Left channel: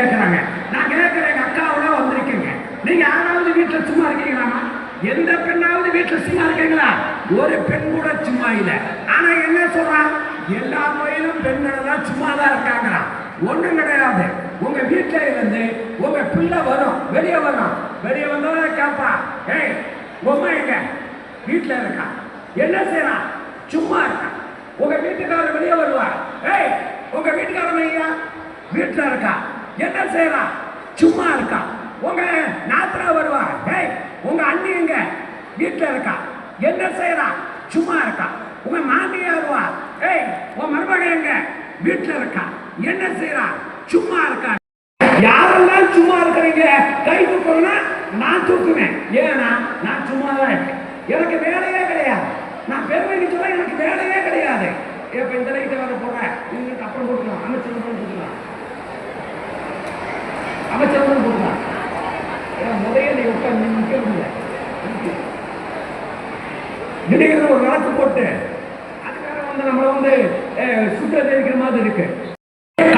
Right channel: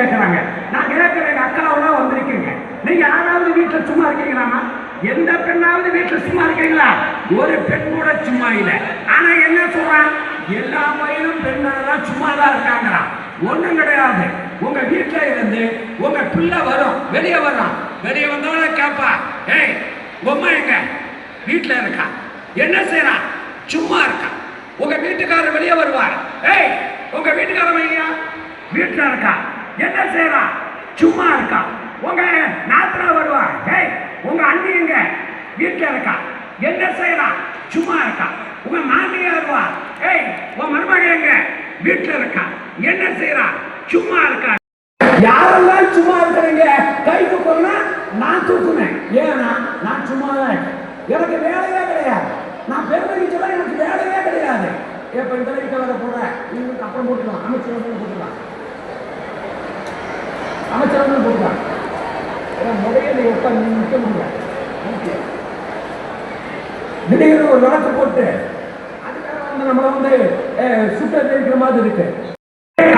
கேட்கறாங்க. நான் கேட்கிறேன், எங்க அக்காவெல்லாம் வந்திருக்கீங்க, நீங்க யாராவது வீட்டுல சும்மா இருக்கீங்களாமா? எந்த பெண்ணாவது வீட்டுல சும்மா இருக்கீங்களா? ஒரு பெண் கூட சும்மா இல்லை. ஆனா என்ன சொல்றான், எல்லா பையனும் பெண்கள் தான் சும்மா தான் இருக்காங்களா? ஒண்ணும் கிடையாது. உங்க வீட்டுல இருந்து உங்க பிள்ளை வரும், வெளியே வரும், வெளியே வந்தோட கேப்பா, ஏய் உம்மா எங்க? வீட்டுல இருக்கா. என்ன செய்யறான்? சும்மா இருக்கா. உங்க வீட்டுக்காரர் வெளியே வருவார், ஏய் உங்க வீட்டுக்காரன் ஐயா வீட்டுல இருக்கா. என்ன செய்யறான்? சும்மா இருக்கா. உங்க நாத்திரா வருவா, ஏய் உங்க அண்ணி எங்க? வீட்டுல இருக்கா. என்ன செய்யறான்? சும்மா இருக்கா. உங்க மாமியார் வருவா, ஏய் உன் மருமக எங்க? வீட்டுல இருக்கா. என்ன செய்யறான்? சும்மா இருக்கா. யாரெல்லாம் சும்மா இருக்கிறீங்க கை தூக்கணும்னா நான் தூக்குவேன். ஏன்னா நான் சும்மா தான் இருக்கேன், எனக்கு வேலையே கிடையாது. நான் பெருமைக்கு சொல்ல எனக்கு வேலையே கிடையாது. இப்ப இந்த லைட்டை வர போடுறேன், அப்புறம் போட்டுக்கலாம், அமைச்சர் போட்டுக்கலாம், அமைச்சர் போட்டுக்கலாம். முதல்ல உட்காந்து நிற்க முடியாது. திடீர்னு ஒரு வழக்கு போட்டு அது வேற வந்து நம்மள சுட்ட தெரிவிக்கிற மாதிரி இருக்கு.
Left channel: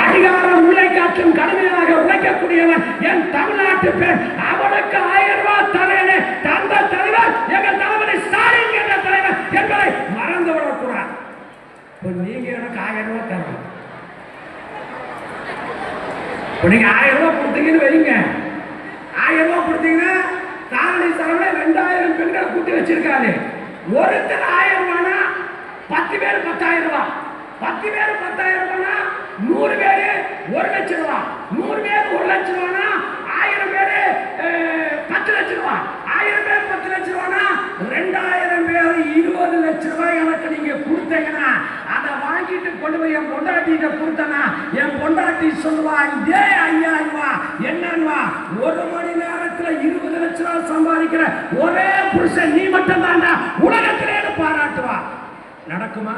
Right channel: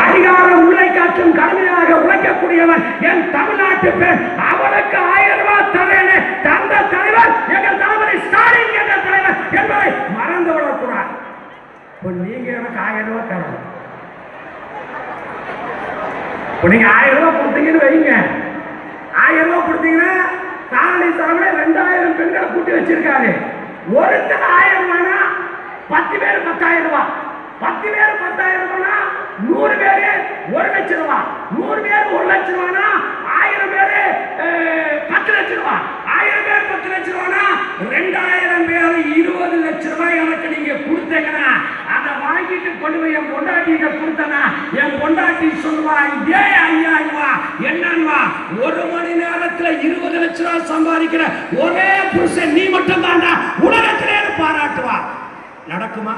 அதிகாரம் உழைக்காற்றும் கடுமையாக உழைக்கக்கூடியவன் என் தமிழ்நாட்டு பேர். அவனுக்கு 1000 ரூபாய் தரேன் தந்த தலைவர் எங்கள் தளபதி ஸ்டாலின் என்ற தலைவர் என்பதை மறந்து விடக்கூடாது. நீங்க எனக்கு 1000 ரூபாய் தரணும். நீங்க 1000 ரூபாய் கொடுத்தீங்கன்னு வைங்க, 1000 ரூபாய் கொடுத்தீங்கன்னா தாரணி சாமி 2000 பெண்களை கூட்டி வச்சிருக்காரு. ஒருத்தர் 1000 ரூபாய்னா 10 பேர் 10000 ரூபாய், 10 பேர் 10000 ரூபாய்னா 100 பேரு 1 லட்சம் ரூபாய், 100 பேர் 1 லட்சம் ரூபாய்னா 1000 பேரு 10 லட்சம் ரூபாய், 1000 பேர் 10 லட்சம் ரூபாய்னா 2000 பேர் 20 லட்சம் ரூபாய் எனக்கு நீங்க கொடுத்தீங்கன்னா அதை வாங்கிட்டு கொண்டு போய் என் பொண்டாட்டிக்கு கொடுத்தனா என் பொண்டாட்டி சொல்லுவா, இதே 5000 ரூபாய் என்னன்னா 1 மணி நேரத்துல 20 லட்சம் ரூபாய் சம்பாதிக்கிற ஒரே புருஷன் நீ மட்டும் தான்டா உலகத்திலே பாராட்டுவா. நடக்குமா?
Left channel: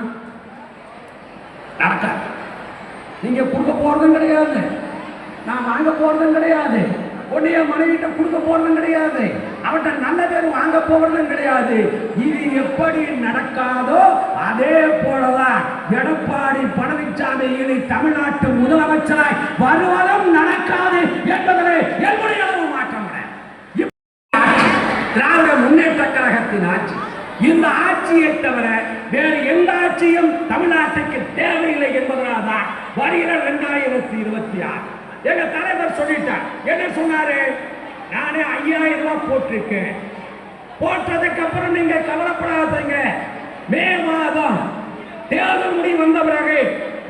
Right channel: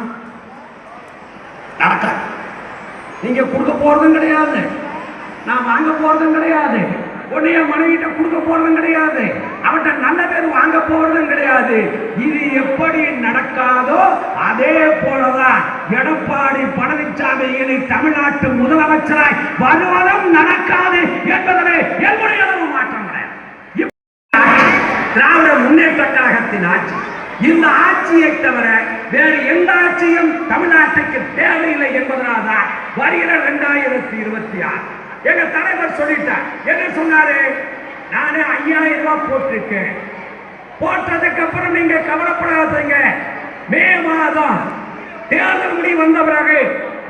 நடக்காது. நீங்க கொடுக்க போறதும் கிடையாது, நான் வாங்க போறதும் கிடையாது, உன்னைய மனைவிட்ட கொடுக்க போறதும் கிடையாது, அவட்ட நல்ல பேர் வாங்க போறதும் கிடையாது. இது எப்படி நடக்காதோ அதே போலதான் எடப்பாடி பழனிசாமி இனி தமிழ்நாட்டு முதலமைச்சராய் வருவதும் நடக்காது என்பதிலே என்னுடைய அளவு மாற்றம் கிடையாது. திராவிட முன்னேற்ற கழகத்தின் ஆட்சி, இந்த ஆட்சியை தவிர வேறு எந்த ஆட்சியும் தமிழ்நாட்டுக்கு தேவையில்லை என்பதனால்தான் வருகிற 2026 எங்க தலைவர் சொல்லிட்டார். என்ன சொன்னாரு? நானே 5000 ரூபாய் போட்டிருக்கேன். போட்டதுக்கு அப்புறம் நீங்க கவலைப்படாதீங்க, மே மாதம் தேர்தல் முடிவு வந்த பிறகு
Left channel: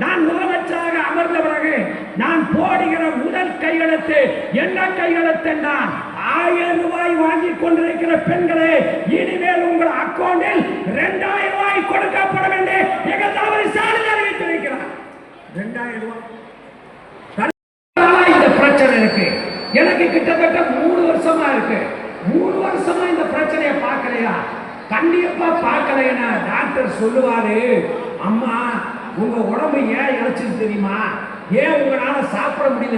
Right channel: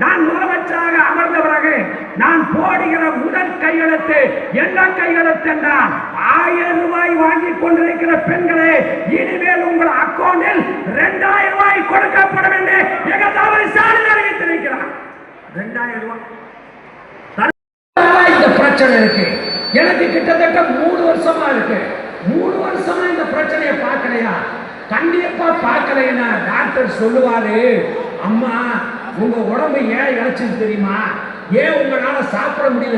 நான் முதலமைச்சராக அமர்ந்த பிறகு நான் போடுகிற முதல் கையெழுத்து என்ன கையெழுத்து என்றால் 1000 ரூபாய் வாங்கி கொண்டிருக்கிற பெண்களே இனிமேல் உங்கள் அக்கௌண்டில் 2000 ரூபாய் கொடுக்கப்படும் என்று எங்கள் தலைவர் ஸ்டாலின் அறிவித்திருக்கிறார். 2000 ரூபாய் இந்த பிரச்சனை இருக்கு. எனக்கு கிட்டத்தட்ட 3 வருஷமா இருக்கு. 3 வருஷமா இந்த பிரச்சனையை பார்க்கலையா? கண்டிப்பா பார்க்கலைன்னா டாக்டர் சொல்லுவாரு, அம்மா உங்க உடம்பு ஏன் இழைச்சு தெரியுமா, ஏன் உங்களால சாப்பிட முடியல,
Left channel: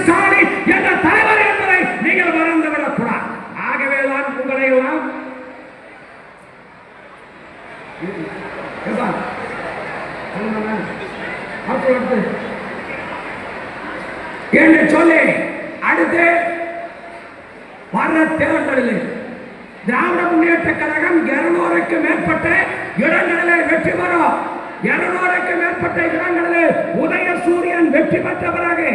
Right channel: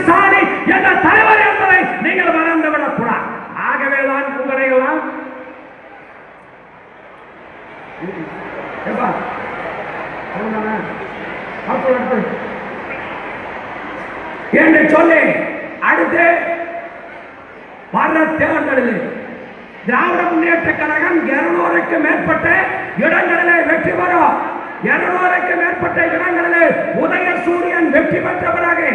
ஸ்டாலின் என்ற தலைவர் என்பதை நீங்கள் மறந்துவிடக் கூடாது. ஆகவேதான் உங்களை எல்லாம் என்று சொல்லி அடுத்து வர தேர்தலில் திராவிட முன்னேற்ற கழகம் 200க்கு மேற்பட்ட இடங்களில் வெற்றி பெறும். 200க்கு மேற்பட்ட இடங்களில் உதயசூரியன் வெற்றி பெற்ற பிறகு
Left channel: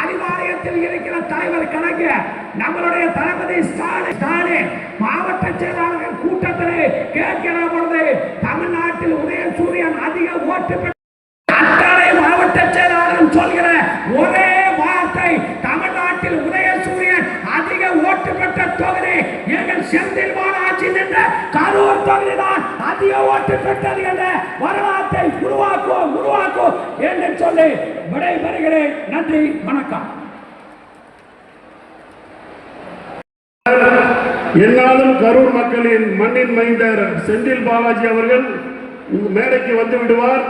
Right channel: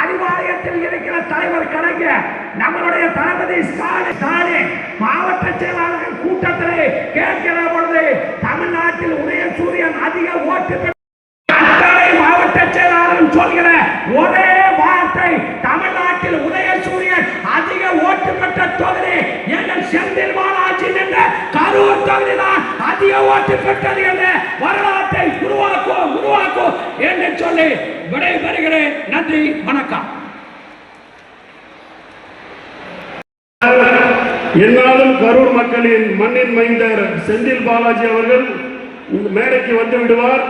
அறிவாலயத்தில் இருக்கிற தலைவர் கலைஞர் நம்மளுடைய தளபதி ஸ்டாலின் மாவட்ட செயலாளர்கள் கூட்டத்திலே கேட்கிற பொழுது தமிழ்நாட்டில் உதயசூரியன் அதிக ஓட்டு பெற்ற மாவட்ட செயலாளர் சொல்கிற ஒரே வார்த்தை, தமிழ்நாட்டில் உதயசூரியன் அதிக ஓட்டு பெற்ற தொகுதி எங்கள் செந்தில் பாலாஜி என்ற கரூர் தொகுதிதான் அதிக ஓட்டு பெற்றது என்ற வரலாற்றை உருவாக்கும் என்று சொல்லி விடைபெறுகிறேன். நன்றி, வணக்கம். என்னாலும் கரூர் மக்களின் மண்ணின் மைந்தர் செந்தில் பாலாஜி அவர்கள் மேடைக்கு வந்து விடுவார்.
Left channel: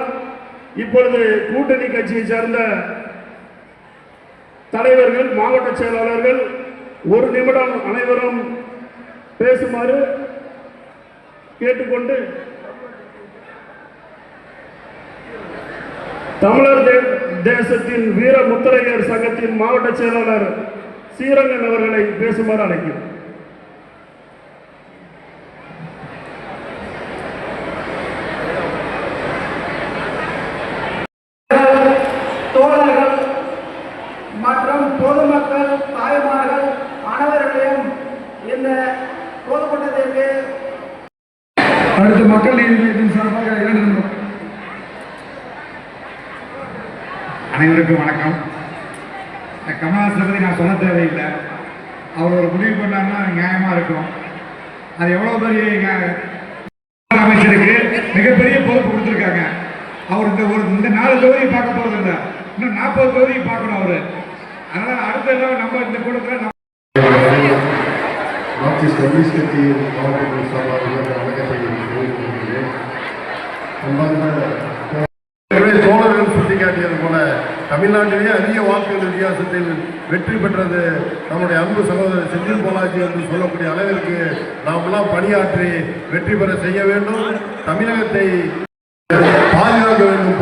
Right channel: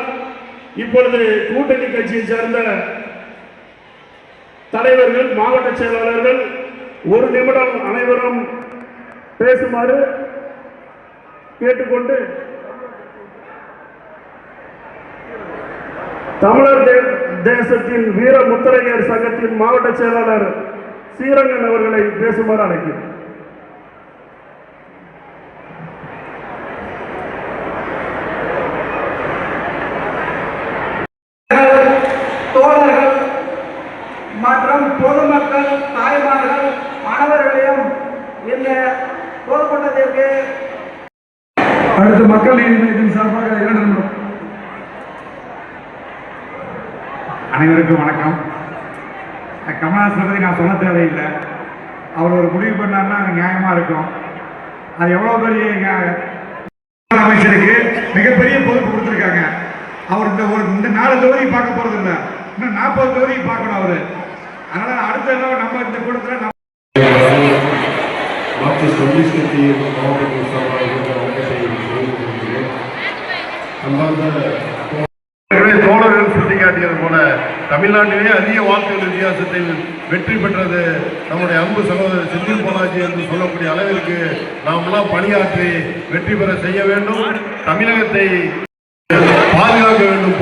இப்பொழுது கூட்டணி கட்சியை சேர்ந்த தலைவர்கள், மாவட்ட செயலாளர்கள் 1 நிமிடம் அனைவரும் பேசுமாறு கேட்டுக்கொண்டு தமிழர் தேசத்தின் வீர முத்திரையர் சங்கத்தின் மாவட்ட செயலாளர் ஸ்ரீரங்கன் அவர்களை பேசுமாறு அழைக்கிறேன். தோழர்கள் மற்றும் பொதுமக்கள் தாய்மார்கள் அனைவர்களையும் இந்த பொதுக்கூட்டத்திற்கு அடுத்து மக்கள் நீதிமன்றத்தின் சார்பாக இரண்டு அனைவருக்கும் வணக்கம். கமலஹாசனை பற்றி நான் சொல்ல தேவையில்லை. அவர் ஒரு முடிவு பண்ணார்னா நியாயமாக இருக்கும். அது எவ்வளோ பெரிய அமைச்சருக்கு மிகப்பெரிய பொறுப்பு கொடுத்துருக்காங்க. அவர் இந்த 4 தொகுதி பார்க்க போகிறது இல்லை, இன்னும் 40 தொகுதி பார்க்கணும் அவர். அதனால் அடுத்த தடவை நம்ம இந்த கூட்டத்தில் மார்க்சிஸ்ட் கம்யூனிஸ்ட் கட்சியின் மாவட்ட தோழர்கள் சுட்டிக்காட்டியது போல தமிழ்நாட்டிலே அதிக வாக்குகள் வித்தியாசத்தில் வெற்றி பெற்றது நம்முடைய அன்பு சகோதரர் செந்தில் பாலாஜி என்று சொல்லக்கூடிய அளவிற்கு நாமெல்லாம் பணியாற்றி வெற்றி பெற செய்ய வேண்டும். தமிழகத்தை பாதுகாக்க வேண்டும்.